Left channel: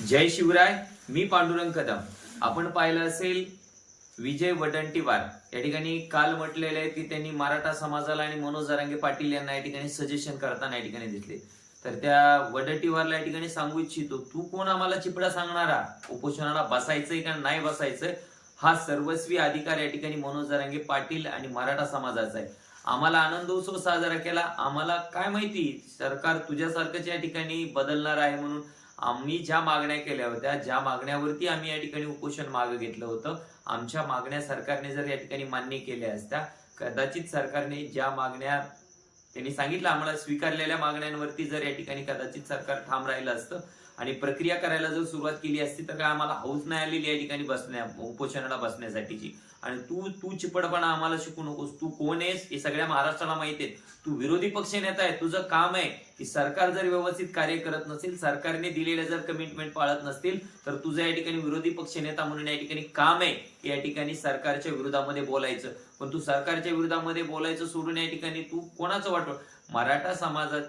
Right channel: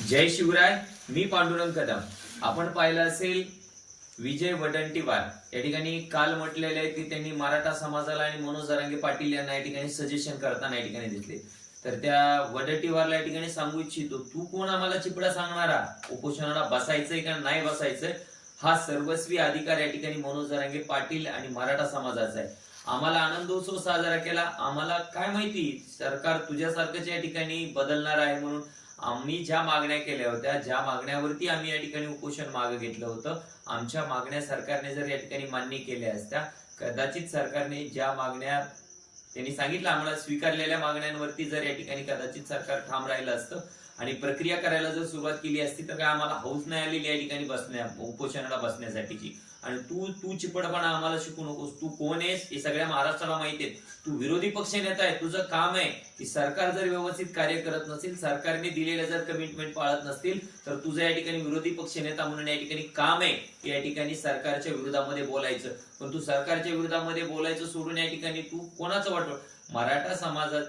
जय शिवराय मी पांडुरंग कदम. आपण पाहिलं असेल विजय वडंटीवार. या ठिकाणी काल म्हटलेले आहे की त्यांनी मराठा समाजाला आणि मनोज जरांगे पाटील यांना या ठिकाणी सजेशन करताना या ठिकाणी दिसले. तर त्या वडटीवारला या ठिकाणी सांगू इच्छितो तू कोण आम्हाला चिपडा सांगणारा? उपोषणाला बसायचंय का नाही बसायचंय हा सर्वस्वी अधिकार या ठिकाणी मनोज जरांगे पाटील आणि मराठा समाजाचा आहे. आम्हाला आनंदोत्सव साजरा केला. आम्हाला काय माहिती सरकार तुझ्यासारखंच या ठिकाणी बदलणार आहे म्हणून आम्ही ज्या मागण्या केल्या होत्या ज्या मागण्यावरती आम्ही या ठिकाणी उपोषण मागं घेतलं होतं आमच्या मागण्या सरकारने जर या ठिकाणी मान्य केल्या असत्या कदाचित सरकारने ज्या मागण्या त्यांनी सांगितलं आम्हाला स्वीकारलेल्या मागण्यांवरती जर या ठिकाणी कदाचित सरकार ठाम राहिलं असतं आणि प्रक्रिया करायला जर सुरुवात केली असती तर काय आम्हाला हौस नाही आलेली या ठिकाणी बसण्या उपोषणाला बसण्यासाठीची. आणि तू तू चिपडपणा आम्हाला शिकू नकोस. तू कोण आहेस हे सगळ्या महाराष्ट्राला माहिती आहे तू विरोधी पक्ष नेता आहे. तुझं काम आहे की सरकार जर व्यवस्थित कार्य करत नसेल सरकारने दिलेल्या जर कमिटमेंट पाळत नसतील तर तुझं या ठिकाणी विरोधी पक्ष नेता म्हणून या ठिकाणी काम आहे. की या ठिकाणी सरकारच्या विरोधामध्ये बोलायचं. पण तू सरकारच्या विरोधामध्ये बोलायचं सोडून या ठिकाणी तू कोणाचं वाटव मराठा समाजात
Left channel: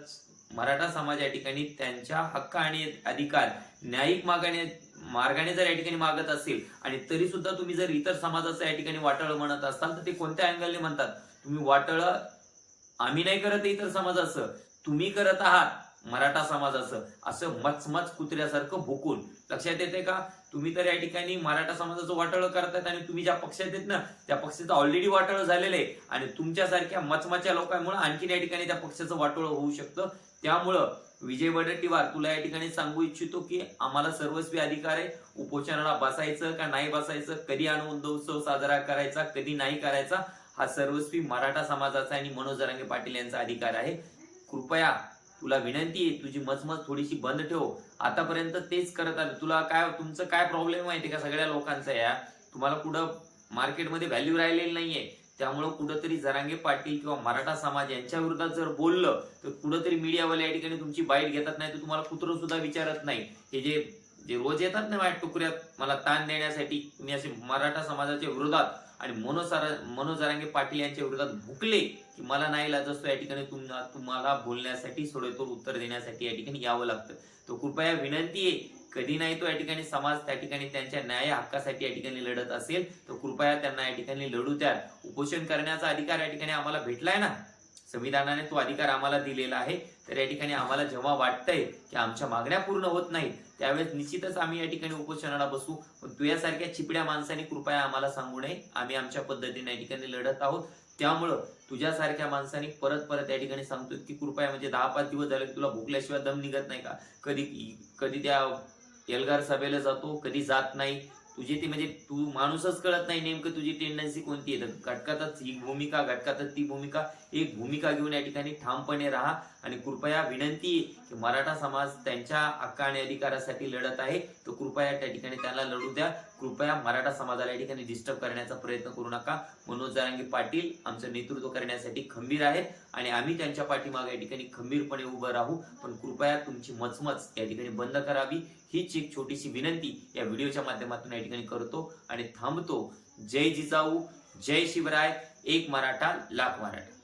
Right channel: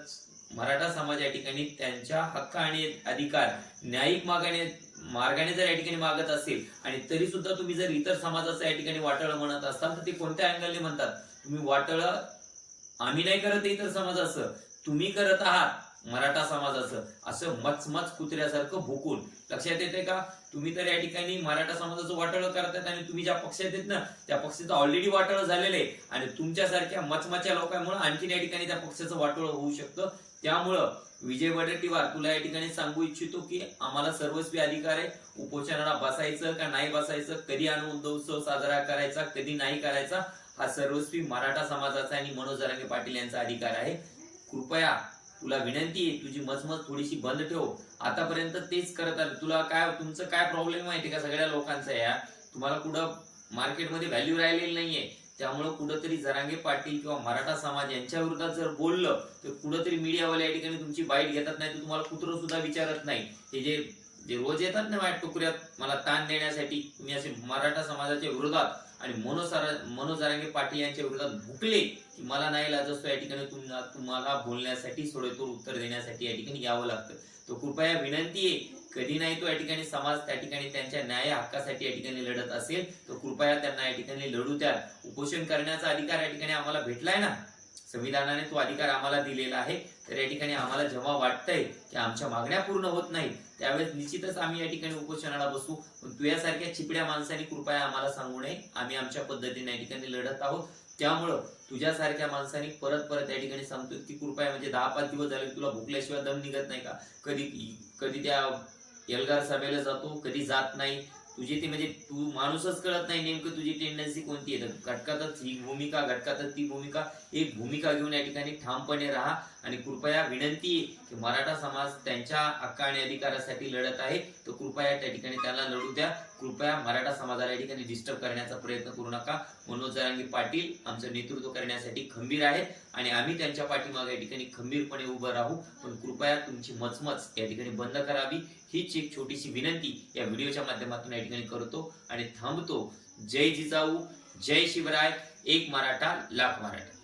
मराठा समाज या ठिकाणी त्यांच्या हक्क आणि अधिकार न्यायिक मागाने मार्गाने जर या ठिकाणी मागत असेल आणि तरी सुद्धा तुम्ही जर इतर समाजाचं या ठिकाणी वाटळ म्हणत असाल तर ते कोणत्या अँगलने म्हणतात? तुम्ही वाटळ आम्ही नाही करत इतर समाजाचं. तुम्ही करत आहात. मराठा समाजाचं असं मचमच कुत्र्यासारखं भुकून. लक्षात येते का? तुम्ही तर या ठिकाणी मराठा समाजाचं वाटळ करतायत आणि तुम्ही ज्या पक्षात येत ना त्या पक्षाचं ऑलरेडी वाटळ झालेलं आहे. आणि तुमच्यासारख्या मचमच्या लोकांमुळे आणखीन या ठिकाणी त्या पक्षाचं वाटोळ होऊ शकतं. त्यामुळं विजय वडट्टीवार तुला या ठिकाणी सांगू इच्छितो की आम्हाला सर्वस्वी अधिकार आहे. उपोषणाला बसायचं का नाही बसायचं? कधी आनंद उत्सव साजरा करायचा कधी नाही करायचा? हा सर्वस्वी मराठा समाजाचा आणि मनोज जरांगे पाटील यांचा अधिकार आहे. कृपया तुला विनंती आहे तुझी मचमच थोडीशी बंद ठेव. आतापर्यंत तेच करत आलं. तुला काय तुमचं काय प्रॉब्लेम माहिती का? सगळ्या लोकांचा या तुम्हाला कुठं मार्केटमध्ये व्हॅल्यू राहिलेली नाहीये. त्यामुळं कुठंतरी जरांगे पाटील किंवा मराठा समाज यांच्या विरोधात जर बोललं तर कुठंतरी मीडियावाले या ठिकाणी तुमची बाईट घेतात नाही तर तुम्हाला कुत्र सुद्धा विचारत नाही. हे जे जे रोज येतात ना माझ्या टुकऱ्यात मला ताण देण्यासाठी मी असे मराठा समाजाच्या विरोधात आणि मनोसारा मनोज पाटील यांच्या विरोधात भुकले की मला नाही लाजस्तो या ठिकाणी तुम्हाला तुम्हाला बोलण्यासाठी सोडेतोड उत्तर देण्यासाठी या ठिकाणी यावं लागतं. तो कृपया विनंती आहे कधी नाही तो या ठिकाणी समाज त्या ठिकाणी त्यांच्या न्याय हक्कासाठी या ठिकाणी लढत असेल तर कृपया त्यांना या ठिकाणी लढू द्या उपोषण करण्याचा अधिकार या ठिकाणी आम्हाला भेटलाय ना? संविधानाने तो अधिकार आम्हाला दिलेला आहे. तर या ठिकाणी आम्हाला जेव्हा वाटतंय की आमच्या मागण्या पूर्ण होत नाहीत त्यावेळेस निश्चितच आम्ही या ठिकाणी उपोषणाला बसू. पण तुझ्यासारख्या चिपड्या माणसांनी कृपया आम्हाला सांगू नये. आम्ही आमच्या पद्धतीने या ठिकाणी लढत आहोत. त्यामुळं तुझ्यासारख्या माणसांनी परत परत या ठिकाणी सांगतो की कृपया म्हणजे दहा पाच दिवस झाले तुला भुकल्याशिवाय दम निघत नाही का? कधी कधी त्या एल्गार सभेला जातो कधी जात नाही. तुझी ती म्हणजे तू माणूसच कळत नाही नेमकं तुझी टेंडन्सी कोणती आहे. तर घटकातच ही भूमिका घटकातच ती भूमिका एक भूमिका घेऊन या ठिकाणी ठामपणे राहा आणि कृपया विनंती आहे की मराठा समाज त्यांच्या हक्क आणि अधिकारासाठी लढत आहे. तर कृपया त्या ठिकाणी त्यांना लढू द्या. कृपया मराठा समाजाला या ठिकाणी डिस्टर्ब करण्याचा प्रयत्न करू नका. मनोज जरांगे पाटील आमचं नेतृत्व करण्यासाठी खंबीर आहेत आणि आम्ही त्यांच्या पाठीमागे या ठिकाणी खंबीरपणे उभं राहू. पण कृपया तुमची मचमच या ठिकाणी बंद करावी. हीच एक छोटीशी विनंती या व्हिडिओच्या माध्यमातून या ठिकाणी करतो आणि थांबतो. जय जिजाऊ जय शिवराय एक मराठा लाख मराठा.